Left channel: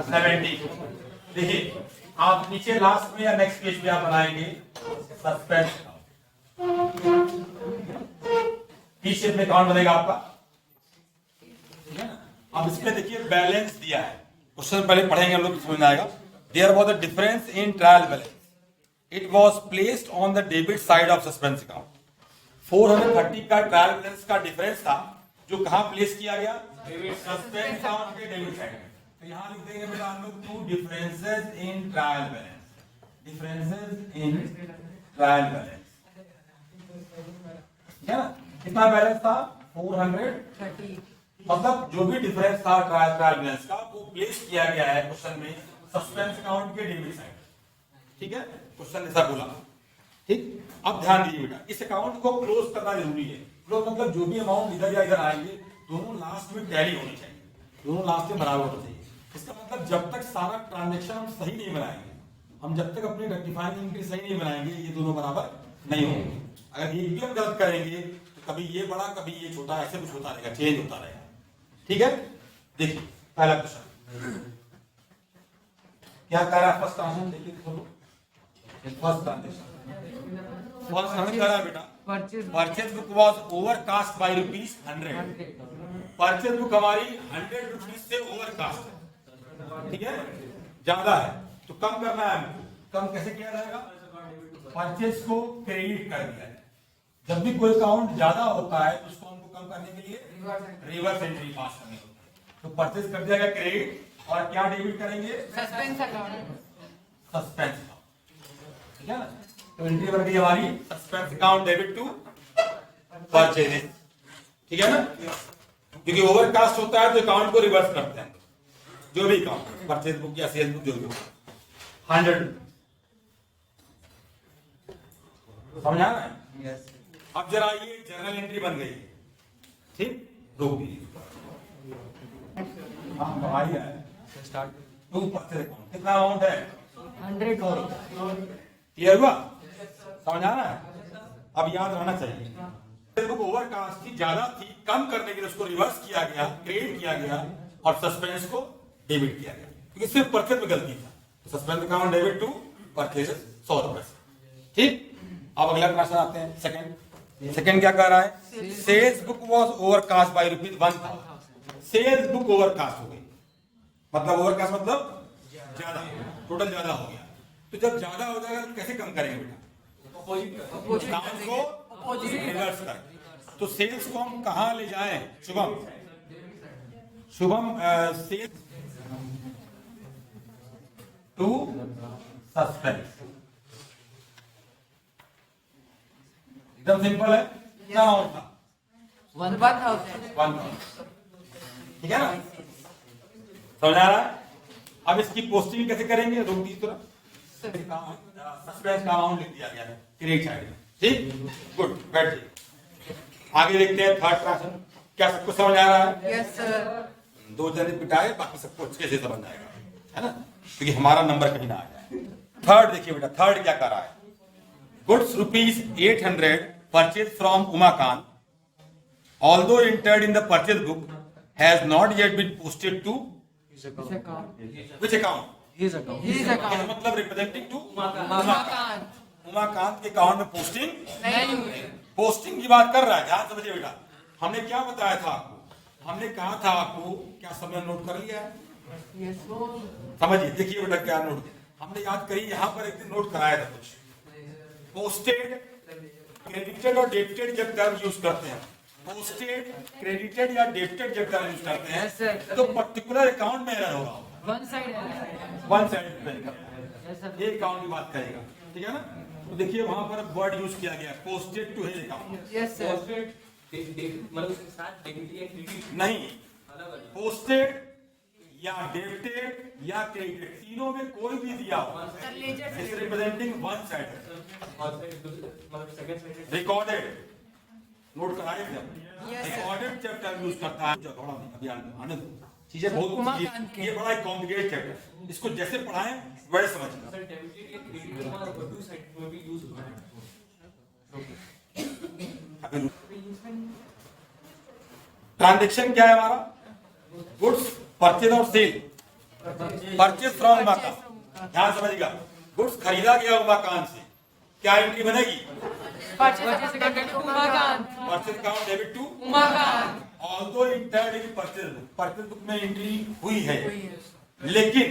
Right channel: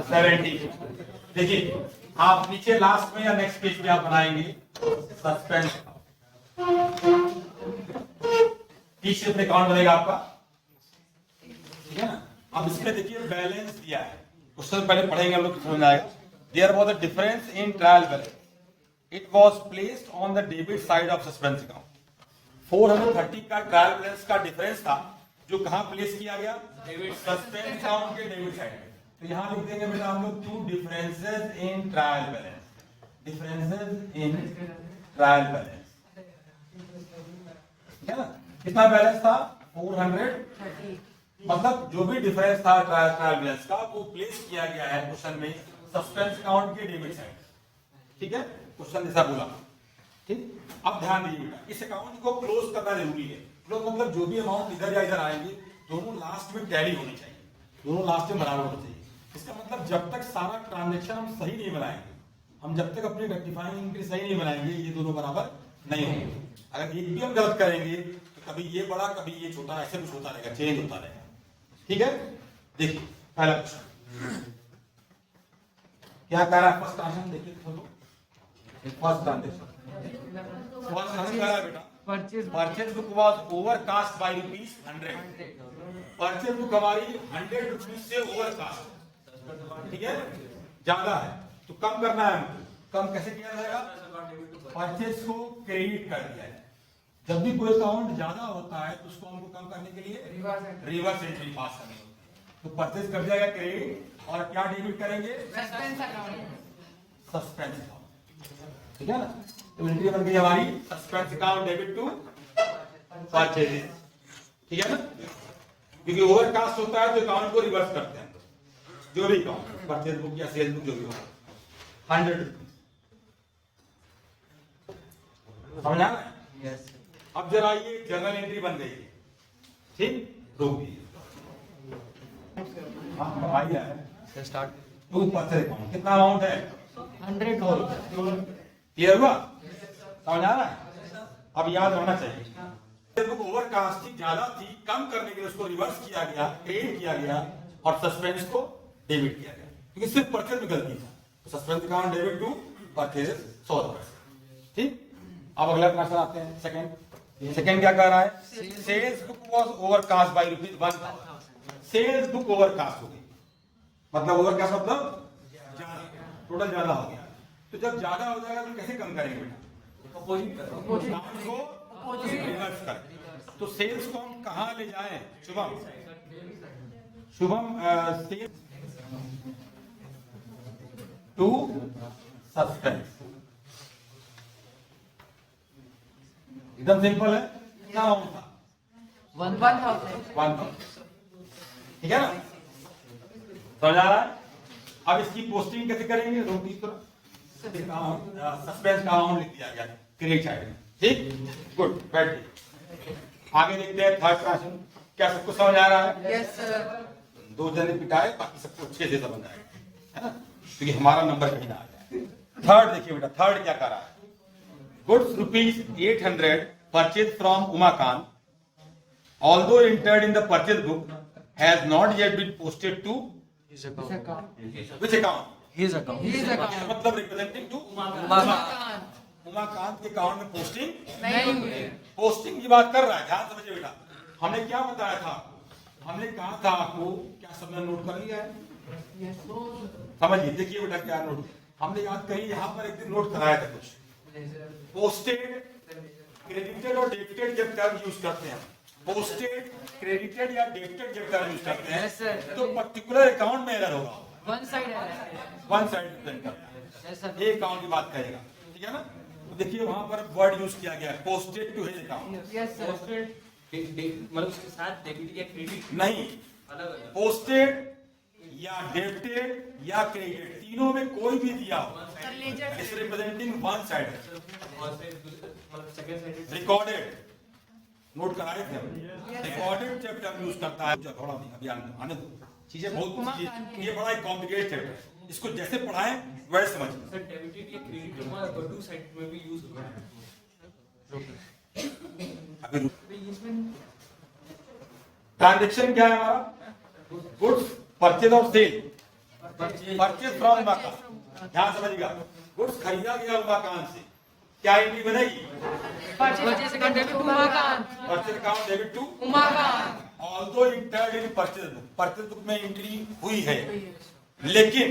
70। देखिए आप नीचे लास्ट में या नेक्स्ट पेज पे आप बनाएंगे सस्पेंस। टी शेप में अकाउंट बनेगा आपका, ठीक है ना। अब इसमें देखिए बैलेंस दिया है, उससे पहले पढ़ेंगे हम लोग, समझ आएगा। There was a difference in trial balance, it was placed on the debit side of suspense account. 430 का ट्रायल बैलेंस का डिफरेंस था, जो कहां प्लेस किया गया, सस्पेंस अकाउंट के डेबिट साइड में। तो यहां लिख देंगे बेटा हम लोग two differences in trial balance, differences in trial balance, ठीक है ना। कितना बैलेंस था, 430। मतलब जो भी डिफरेंस था ट्रायल बैलेंस का, वो प्लेस किया गया है क्वेश्चन में सस्पेंस अकाउंट के डेबिट साइड, ठीक है। क्वेश्चन ऐसा बोला, ठीक। अब ध्यान दीजिए बेटा, इस अकाउंट को क्लोज करना जरूरी है। क्लोज मतलब जो भी अमाउंट इधर या इधर आएंगे, दोनों लास्ट में टैली होनी चाहिए, दोनों लास्ट में बराबर होनी चाहिए। इसका मतलब जब तक सारा ट्रांजेक्शन हम सही नहीं बनाएंगे, हम जब तक अपनी रेक्टिफाइंग एंट्री सही नहीं बनाएंगे, ये दोनों बराबर नहीं होंगे। अगर एक भी हम गलत करेंगे तो कभी ये बड़ा कभी ये छोटा, ऐसे कुछ होता रहेगा, चेंज होता रहेगा, ठीक है। देखिए पहला क्वेश्चन क्या कह रहा है, फर्स्ट ट्रांजेक्शन देखिए, फर्स्ट ट्रांजेक्शन कह रहा है बेटा, purchase book was overcast bye ₹100। Purchase book हमारी ₹100 से ओवरकास्ट, ठीक है, ज्यादा है, तो कम करना है हमको। कम कैसे किया जाएगा, परचेज को क्रेडिट कर दिया है। जब भी कोई अकाउंट ज्यादा होता है तो उसको हमको कम करने के लिए रिवर्स एंट्री पास करनी होती है। तो परचेज कर दिया गया क्रेडिट, और क्या डेबिट करेंगे, सस्पेंस अकाउंट, सस्पेंस अकाउंट, ठीक है ना। तो एंट्री बन गई हमारी suspense account debit to purchase, ठीक है ना। क्योंकि ओवरकास्ट होता है तो अकाउंट को रिवर्स करते हैं, जो भी अकाउंट परचेज बुक या सेल्स बुक जो भी हो, 100। समझ आ रहा है, यस। अब जरा ये जर्नल एंट्री बन गई है, ठीक, रोक दीजिए। हाँ कमाई है, स्टार्ट टू परचेज अकाउंट, कितना अमाउंट है, 100। क्लियर हुआ, समझ आ रहा है। अब याद रहना चाहिए, ओवरकास्ट थी, ज्यादा थी, कम करने के लिए उसको रिवर्स किया गया, क्रेडिट किया गया, और सस्पेंस को डेबिट किया गया, क्योंकि सिर्फ परचेज में गलती था। तो suspense account debit to purchase 100%, ठीक। अब अगला क्वेश्चन आते हैं, सेकंड क्या कह रहा है, sales book was overcast by ₹1000। Sales book overcast हो गई, मतलब ओवरकास्ट मतलब ज्यादा, टोटल ज्यादा हो गया। तो जब ज्यादा हो जाएगा तो कैसे कम करेंगे बेटा, अकाउंट को रिवर्स कर। तो सेल्स को हम कहां ले जाएं, शुभम, सेल्स टू सस्पेंस, एकदम सिंपल है। क्या अमाउंट था, 1000, ठीक है ना, समझ आ रहा है। अब इसकी पोस्टिंग कैसे करेंगे, रोक दीजिए थोड़ा, सस्पेंस का अमाउंट लिख दिया गया क्रेडिट साइड में, ठीक, गुड, बैठिए। आगे देखते हैं थर्ड क्वेश्चन, क्या सबको समझ आ रहा है, यस सर। 2 जने पिटाए, बाकी सबको अच्छे से समझ आएगा, है ना, क्योंकि हमारा नंबर कहीं ना आ जाए। थर्ड देखिए बेटा, थर्ड क्या कर रहा है, goods ₹800 purchased from Umakant, although entered in the purchase book, has not yet been posted to his account. Which account? His account. His account. मतलब रिप्रेजेंटिंग टू उमाकांत। उमाकांत के अकाउंट में पोस्टिंग नहीं हुई। पोस्टिंग की बात कर रहा है, ध्यान समझिए बेटा। हमने क्या बताया था आपको, हमने कहा था आपको, क्या सबने नोट कर लिया है, समझिए, देखिए बेटा क्या नोट हमने याद करी, यहाँ पर एक दिन नोट कराया था कुछ, पोस्टेड, क्रेडिटेड और डेबिटेड जब टर्म यूज करते हैं, पोस्टेड, क्रेडिटेड या डेबिटेड जब टर्म यूज करते हैं, तो पर्टिकुलर अकाउंट में एरर होगा, वन साइड डिपेंड करता है, एक अकाउंट की बात करेगा, ठीक है ना। तो देखिए वहां पर वर्ड यूज किया गया है, पोस्टेड टू हिज अकाउंट, मतलब साथ डेबिट या क्रेडिट नहीं, पोस्टेड या डेबिटेड या क्रेडिटेड, तीनों में कोई भी दिया हो, is representing one side, recorded, note कराए थे, रिकॉर्डेड जब टर्म यूज करता है, थोड़ा अभी आने दो, चीजें बहुत, ये बड़ा ही कॉम्प्लिकेटेड चैप्टर, इसको जैसे पढ़ाएं वैसे समझना। सर डेबिट या क्रेडिट दोनों साइड में भी यूज होता है। ट्रांजैक्शन क्या है हमारा, गुड्स परचेज और sale, purchase from Uma Kant. ध्यान समझिएगा, गुड्स खरीदा गया उमा कांत से, क्या एंट्री बनेगी? Purchase account debit to Uma Kant. Purchase account debit to Uma Kant. Although entered in purchase book, purchase book में एंट्री हुई है, लेकिन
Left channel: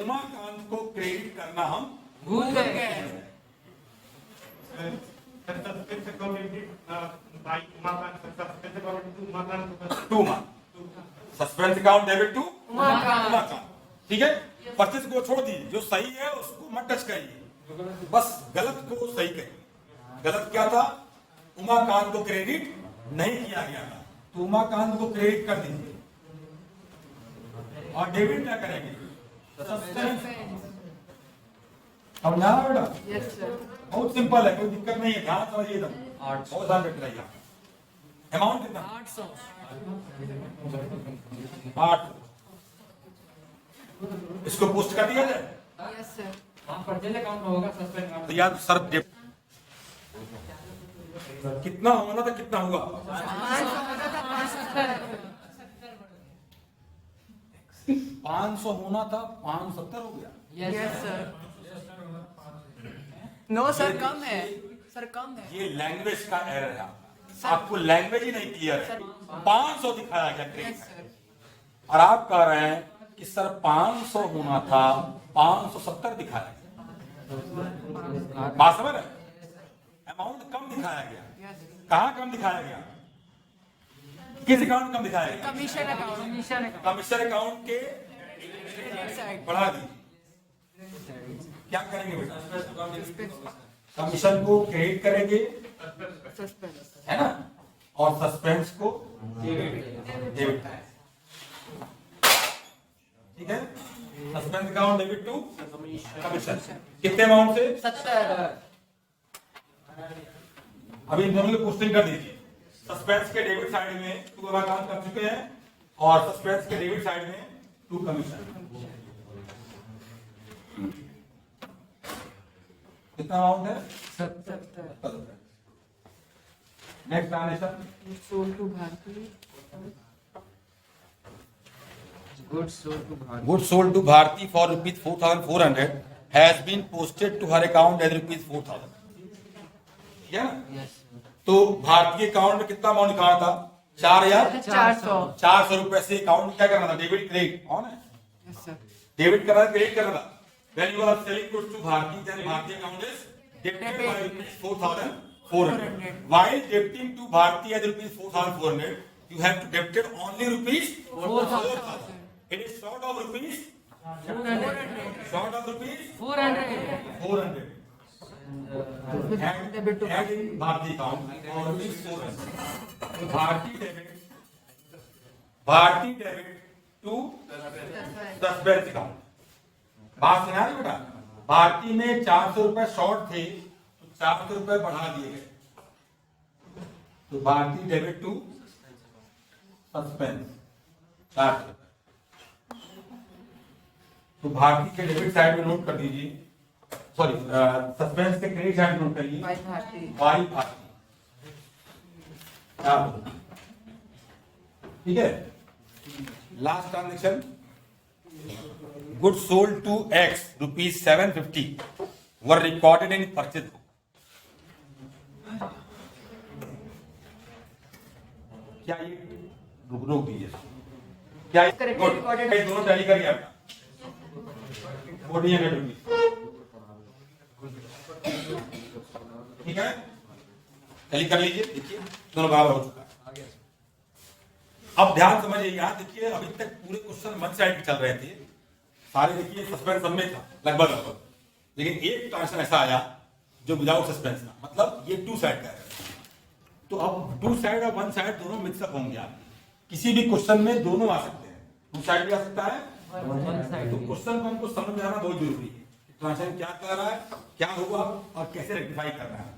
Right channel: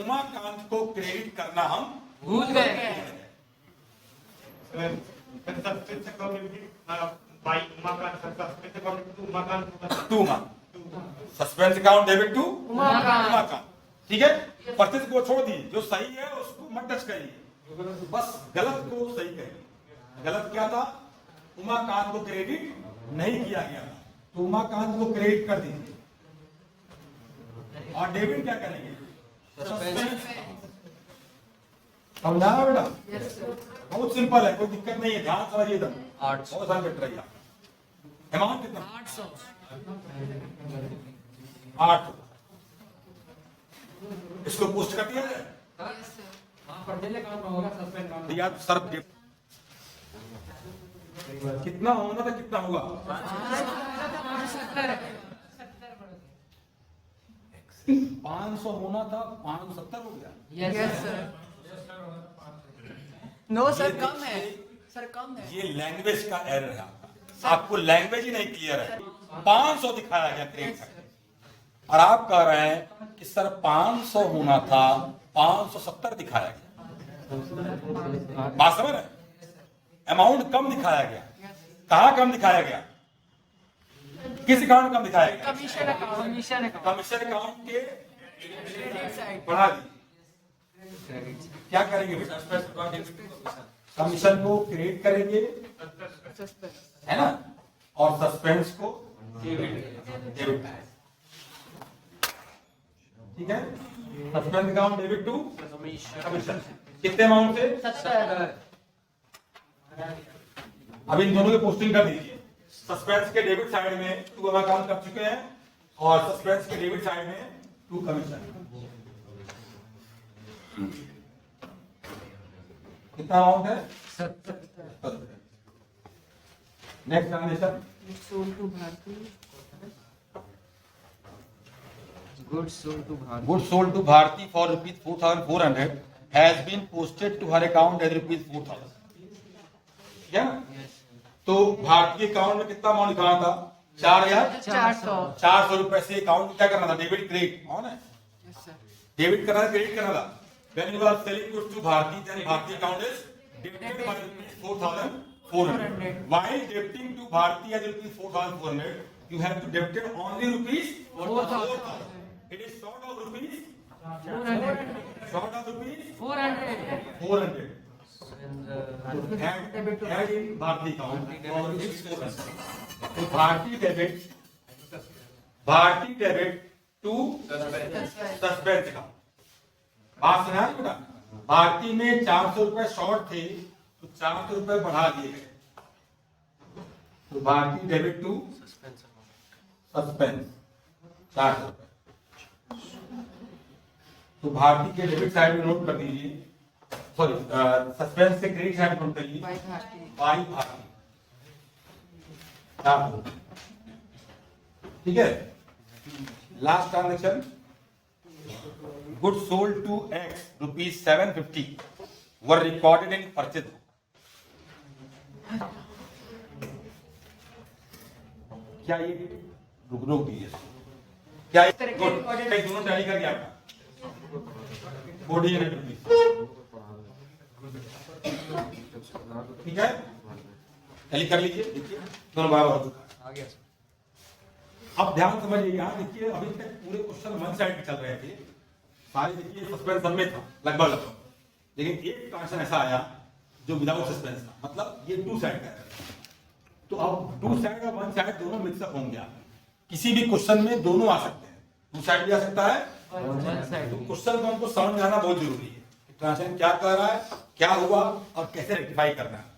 उमा कांत को क्रेडिट करना हम भूल गए। Two month suspense account debit to Uma Kant. ठीक है, परचेज को छोड़ दीजिए, जो सही है उसको मत टच करिए, बस गलत को सही करिए। गलत क्या था? उमाकांत को क्रेडिट नहीं किया गया था, तो उमाकांत को क्रेडिट कर दीजिए। और डेबिट क्या करेंगे? समझा ना बेटा? बहुत सिंपल है, कोई दिक्कत नहीं है, ध्यान समझिए एकदम, बहुत ध्यान रख रही है। अमाउंट कितना? 800। 8। इसको पोस्ट कर दिया जाए। परचेज अकाउंट होगा सस्पेंड अकाउंट। तो यार सर कितना होना था, कितना होगा? 500 होना था, 570 हो गया। Yes sir. नो सर, कम है सर, कम है। ये लैंग्वेज का एरर है आपको लैंग्वेज ही नहीं क्लियर है। 500 दिखाया गया क्रेडिट, और आप कह रहे हैं कि सर 500 होना था, 570 दिखाया गया। बात समझ रहे? अमाउंट कम दिखाया गया। कहाँ कम दिखाया गया? किस अकाउंट में कम दिखाया गया? Commission account. Commission account. Commission account के बढ़ा दी। क्या करेंगे बेटा? कमीशन को क्रेडिट करेंगे, है ना, और सस्पेंस को डेबिट। ठीक है, suspense account debit to commission. कितने अमाउंट से? 70। अभी इन दोनों की पोस्टिंग कर दीजिए। सस्पेंस के डेबिट साइड में 2 अकाउंट कर चुके हैं, और सस्पेंस के डेबिट साइड में 2 कमीशन। कितना अमाउंट है? 70। Next transaction, sold to Bharti. Goods sold to Bharti. Good sold to Bharti for rupees 4400 has been posted to her account as rupees 4000। ठीक है ना? यस तो भारतीय अकाउंट में कितना अमाउंट लिखा था? 400। 400 रुपए से अकाउंट में क्या करना था? Debit credit. ऑन है, डेबिट करना था, क्रेडिट करना था। When you are selling goods to Bharti, then Bharti account is debited by rupees 4400. While debiting to Bharti as rupees 4400, you have to debit only rupees 4000. It is short of rupees 400। short of rupees 400। 400. Add in Bharti account for rupees 400. So Bharti debit to suspense account. बात सुना है बेटा? भारती में 400 रुपए short थे, तो 400 रुपए बढ़ा दिए गए, तो भारती डेबिट टू सस्पेंस 400 रुपए। तो भारती के डेबिट साइड में नोट कर दीजिए, सॉरी सस्पेंस के क्रेडिट साइड में नोट करिए बाई भारती। ठीक है, last transaction, goods sold to X rupees 750 were recorded in purchase book. क्या ये रोक दीजिए इसको? क्या ये दोनों टैली करिए आपका 4800 रुपीज। ठीक है, टैली कर लीजिए, देखिए दोनों बराबर हो चुका। अब ध्यान समझिए, यहाँ देखिए अभी तक पूरे क्वेश्चन वन साइड पे चल रहे थे सारे, देखिए सस्पेंस सब में था लगभग, लेकिन एक ट्रांजेक्शन ऐसा आया जो विदाउट सस्पेंस था, मतलब ये 2 साइड का है। तो अब 2 साइड और 1 साइड दोनों मिक्सअप होंगे। आप किसी भी क्वेश्चन में दोनों आ सकते हैं, 2 साइड भी आ सकता है, 1 साइड। तो क्वेश्चन को हमको समझ में आना बहुत जरूरी है कि ट्रांजेक्शन क्या कर रहा है, क्या हुआ और कैसे रेक्टिफाई करना है।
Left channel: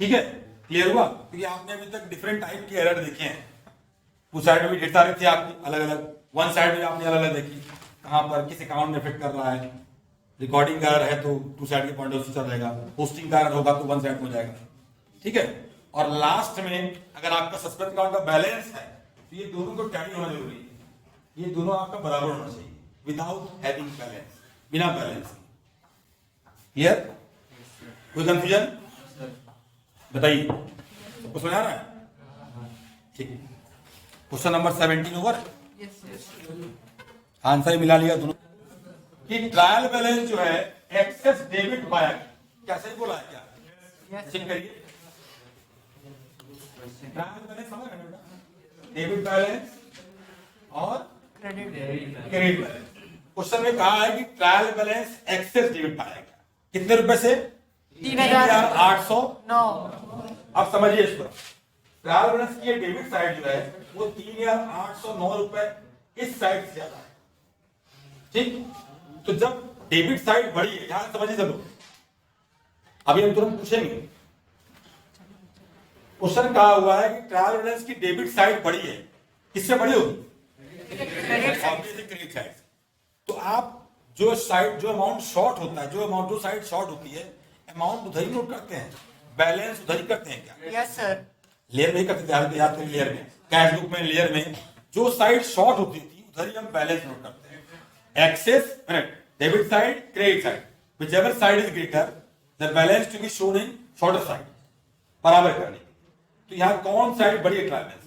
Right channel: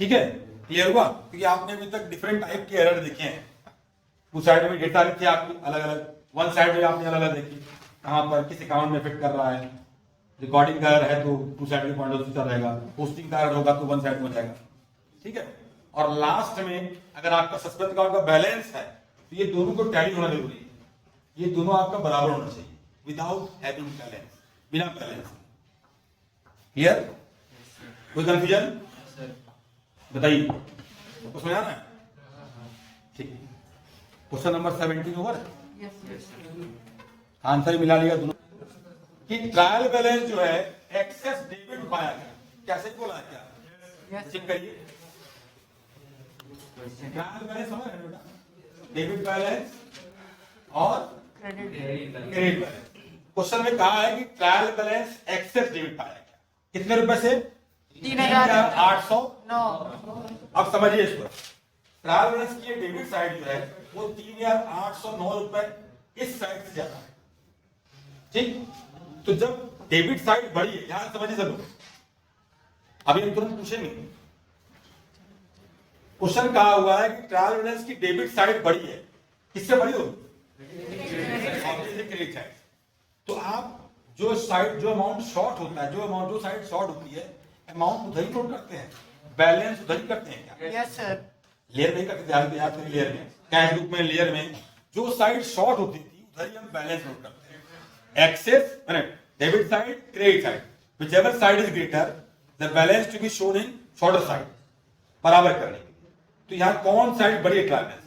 ठीक है, क्लियर हुआ? क्योंकि आपने अभी तक डिफरेंट टाइप के एरर देखे हैं, 2 साइड में ढेर सारे थे आपकी अलग अलग, 1 साइड में आपने अलग अलग देखी, कहाँ पर किस अकाउंट में फिट कर रहा है। रिकॉर्डिंग का एरर है तो 2 साइड के पॉइंट ऑफ व्यू से रहेगा, पोस्टिंग का एरर होगा तो 1 साइड में हो जाएगा। ठीक है, और लास्ट में अगर आपका सस्पेंस अकाउंट का बैलेंस है तो ये दोनों को टैली होना जरूरी है, ये दोनों आपका बराबर होना चाहिए, विदाउट हैविंग बैलेंस, बिना बैलेंस। क्लियर? कोई कंफ्यूजन? बताइए, कुछ समझ आ रहा है? ठीक। Question number 17 over. आंसर मिला लिया दोनों कि ट्रायल बैलेंस जो है एक्सेस डेबिट पाया गया। क्या सही बोला है क्या? चेक करिए। ट्रायल बैलेंस समझ रहे हो बेटा? डेबिट बैलेंस और क्रेडिट बैलेंस। क्वेश्चन में कहा है कि ट्रायल बैलेंस एक्सेस डेबिट पाया गया। कितने रुपए से? 3,809। अब समझिए इसको। ट्रायल बैलेंस की डेबिट साइड जो है वो 3,809 रुपए इस साइड से ज्यादा है। ठीक, तो जब डेबिट साइड बढ़ी है, यहां समझिए चलो, अभी हम तुरंत पूछेंगे। क्वेश्चन कहा हुआ है कि ट्रायल बैलेंस की डेबिट साइड बढ़ी है, किससे बढ़ी होगी? Credit side. तो आप जो साइड, जो अमाउंट शॉर्ट होता है, जो साइड शॉर्ट होती है, अमाउंट उधर ही नोट करते हैं, बैलेंस उधर ही करते हैं क्या? Yes sir. लेयर में ही करते थे, याद करिए, लेयर में, कैश बुक में, लेयर में जो साइड शॉर्ट होती थी उधर ही हम बैलेंस नोट करते हैं। Excess debit side, credit side, whichever side is greater the balance to be shown in shorter side, बराबर करने के लिए। तो यहाँ कौन साइड बड़ी है? Trial balance.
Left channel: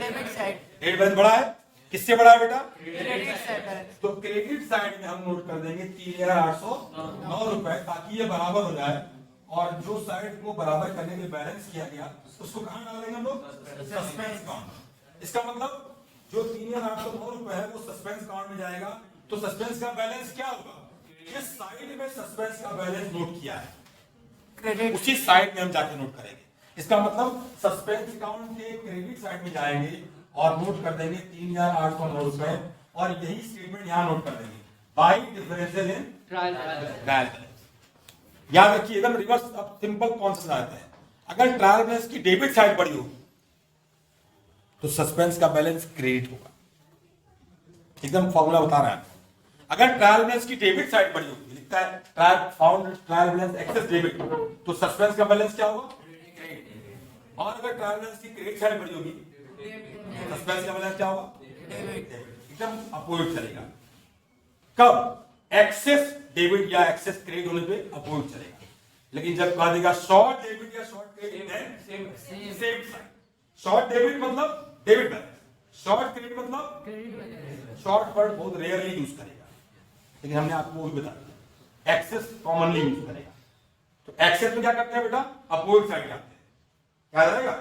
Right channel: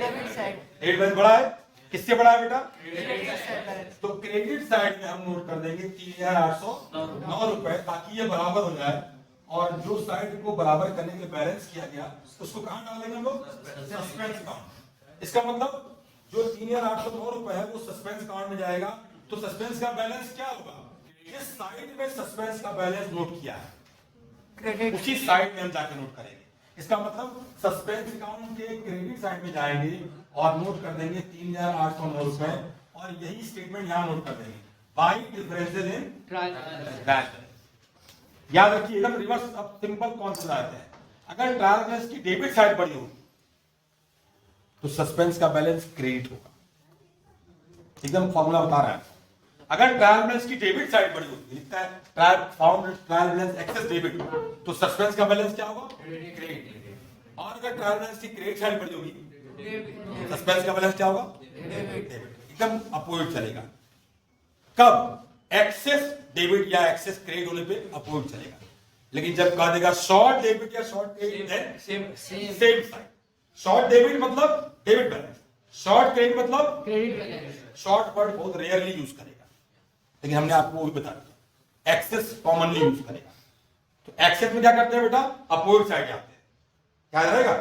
Debit side. Debit balance बड़ा है, किससे बड़ा है बेटा? Credit side balance. तो क्रेडिट साइड में हम नोट कर देंगे 3,809 रुपए, ताकि ये बराबर हो जाए। और जो साइड को बराबर करने के लिए बैलेंस किया गया उसको कहां डाल देंगे हम लोग? Suspense account. इसका मतलब जो 3,809 रुपए है वो सस्पेंस अकाउंट में जाएगा। तो सस्पेंस का बैलेंस क्या होगा? इस साइड में सस्पेंस का बैलेंस नोट किया है, क्रेडिट। उसी साइड में हम जाके नोट करेंगे। इसका मतलब सस्पेंस अकाउंट के क्रेडिट साइड में जाएंगे और नोट कर देंगे 3,809 रुपए, और यही स्टेटमेंट यहां नोट कर देंगे by differences in trial trial balance. याद रखिए, एकदम रिवर्स। अब सिंपल कॉन्सेप्ट आते हैं। अगर ट्रायल बैलेंस की डेबिट साइड बढ़ी होगी तो सस्पेंस का बैलेंस क्रेडिट होगा। एकदम फॉर्मूला बता रहा है। अगर ट्रायल बैलेंस की डेबिट साइड बढ़ी होगी, लिखता है ट्रायल बैलेंस एक्सेस डेबिट, तो सस्पेंस का बैलेंस क्या होगा? क्रेडिट। और अगर ट्रायल बैलेंस की क्रेडिट साइड बढ़ी होगी, सस्पेंस का बैलेंस क्या होगा? डेबिट। एकदम अपोजिट चलेगा। कब? एक्सेस डेबिट या एक्सेस क्रेडिट होने पे अपोजिट चलेगा। लेकिन जब कहा देगा शॉर्ट डेबिट या short credit, same side. Short debit मतलब डेबिट बैलेंस, शॉर्ट क्रेडिट मतलब क्रेडिट बैलेंस। शॉर्ट वर्ड बहुत रेयरली यूज करेगा, लेकिन हमने आपको वो भी बता दिया। एक्सेस कॉमनली यूज करेगा। तो एक्सेस में क्या करते हैं बेटा? अपोजिट साइड जाते हैं। क्या रहेगा?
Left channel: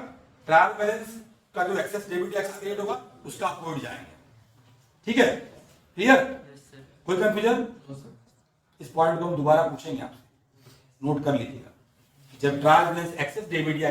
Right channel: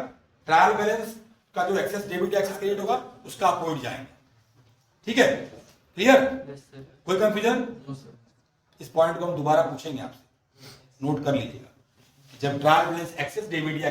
ट्रायल बैलेंस का जो एक्सेस डेबिट या एक्सेस क्रेडिट होगा उसका अपोजिट जाएंगे। ठीक है? क्लियर? कोई कंफ्यूजन? इस पॉइंट को हम दोबारा पूछेंगे आपसे, नोट कर लीजिएगा। जब ट्रायल बैलेंस एक्सेस डेबिट या